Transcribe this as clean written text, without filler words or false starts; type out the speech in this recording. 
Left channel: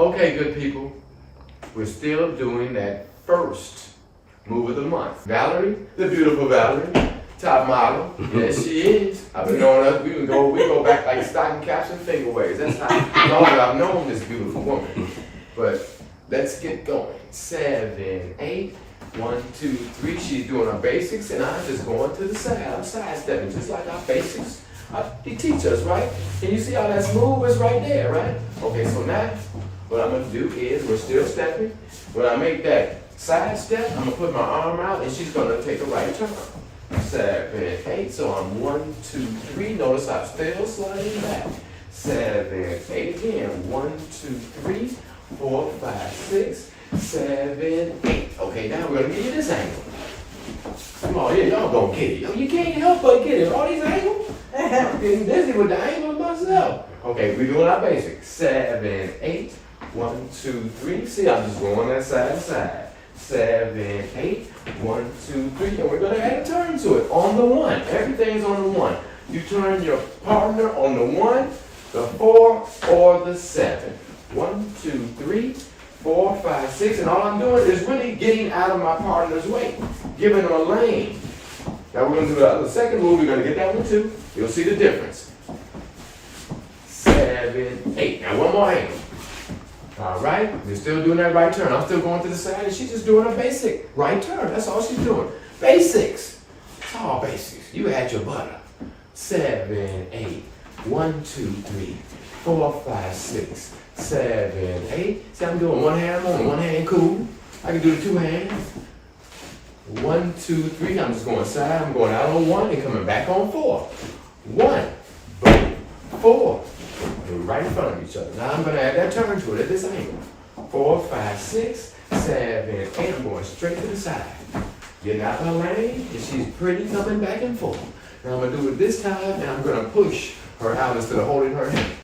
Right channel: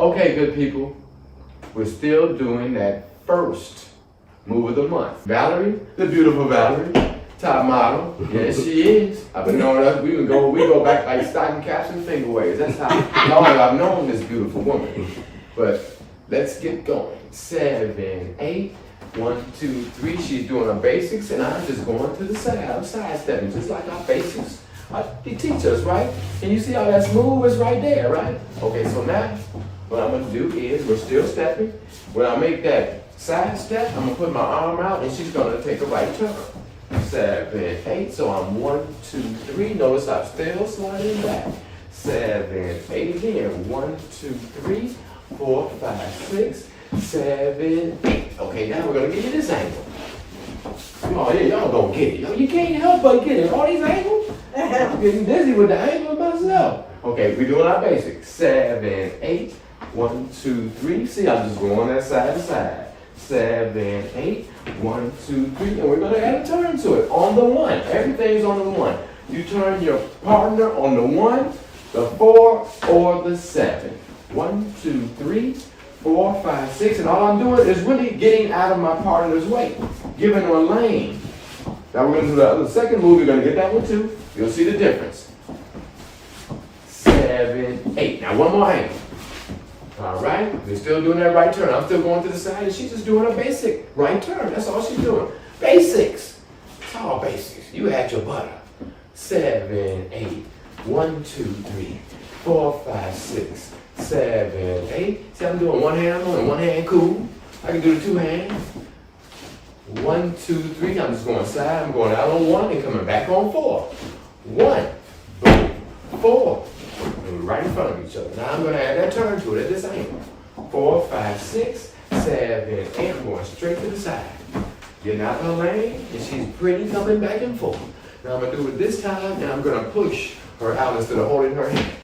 Okay, good people, we're still doing that first move of the month. Valerie, the beautiful Valerie, top model. Yes, she is. I've been knowing her. We go back like stocking caps and finger waves. That's how long I've known this beautiful woman. But let's get going. 7, 8. 1, 2, 3. She's doing her basics, and I'm just going to the side. I'm sidestepping, just like our basics. They teach us, right? And you see how that smooth is right there, right? Okay, so now what I'm going to do is we're still stepping. When I make that side step, I'm going to put my arm out, and she's going to take a right turn. 7, 8. So I'm 1, 2, 3. Notice I'm still sliding back. 7, 8 again. 1, 2, 3, 4, 5, 6. 7, 8. Okay, now we're gonna get you this angle. Come on, yeah, y'all gonna get it. You can't help but get it. All these angles. I'm getting dizzy with the angle myself. Okay, we're doing our basics. 7, 8. 1, 2, 3. See, I'm just going that side to side. 7, 8. 1, 2, 3. And we're gonna add a turn to it on the 1. Everything's on the 1. You turn your partner on the 1, the 4, or the 7. 1, 2, 3. 4, 5, 6, and all I'm doing is really getting out of my partner's way, giving her a lane. Now we're going to do the second move. You're going to get that one too. You'll see the difference. 7, 8. Now one more angle. All right. We're still doing that right turn. I'm still going to the side, and she's just doing a basic right turn. That's all she's doing. Basics. It's all basics. You had your butter. 7, 8. 1, 2, 3, 4, 5, 6. 7, 8. See, I'm doing one hand on, one hand cool. I can do the 2 hands. 1, 2, 3. I'm just going side. I'm going out on 1 and coming back on 4. 1, boom, 4. And right in front of each other. Now I'm going to add that turn to it at this angle. 4, 5, 6, 7, 8. I'm going straight to the side. Getting out of her lane, and she's pretty coming back and forth. Now I'm going to do it this time, and I'm going to push her out instead of holding her hand.